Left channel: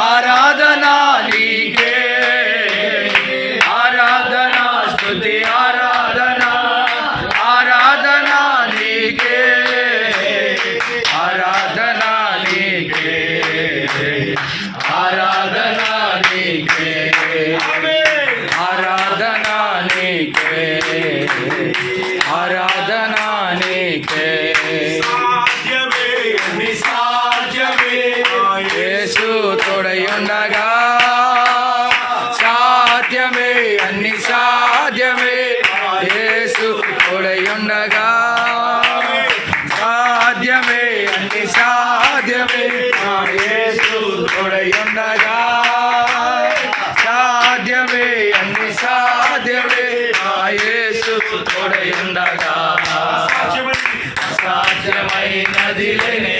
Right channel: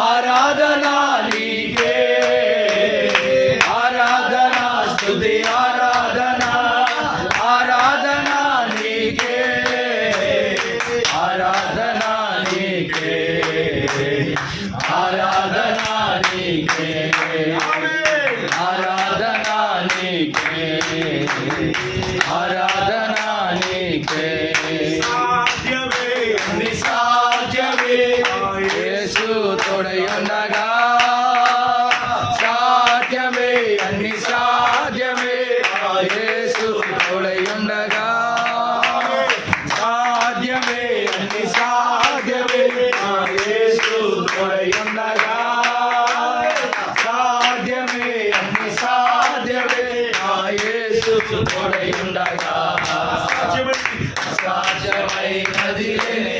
ఆరాధనా నీకే, ఆరాధనా స్తుతి ఆరాధనా, ఆరాధనా నీకే, ఆరాధనా నీకే, ఆరాధనా నీకే, ఆరాధనా నీకే, ఆరాధనా నీకే. యేసు తోడయుండగా సాధ్యమే, అన్ని సాధ్యమే. యేసు తోడయుండగా సాధ్యమే, అన్ని సాధ్యమే. యేసు తోడయుండగా సాధ్యమే, అన్ని సాధ్యమే. యేసు తోడయుండగా సాధ్యమైనది లేనే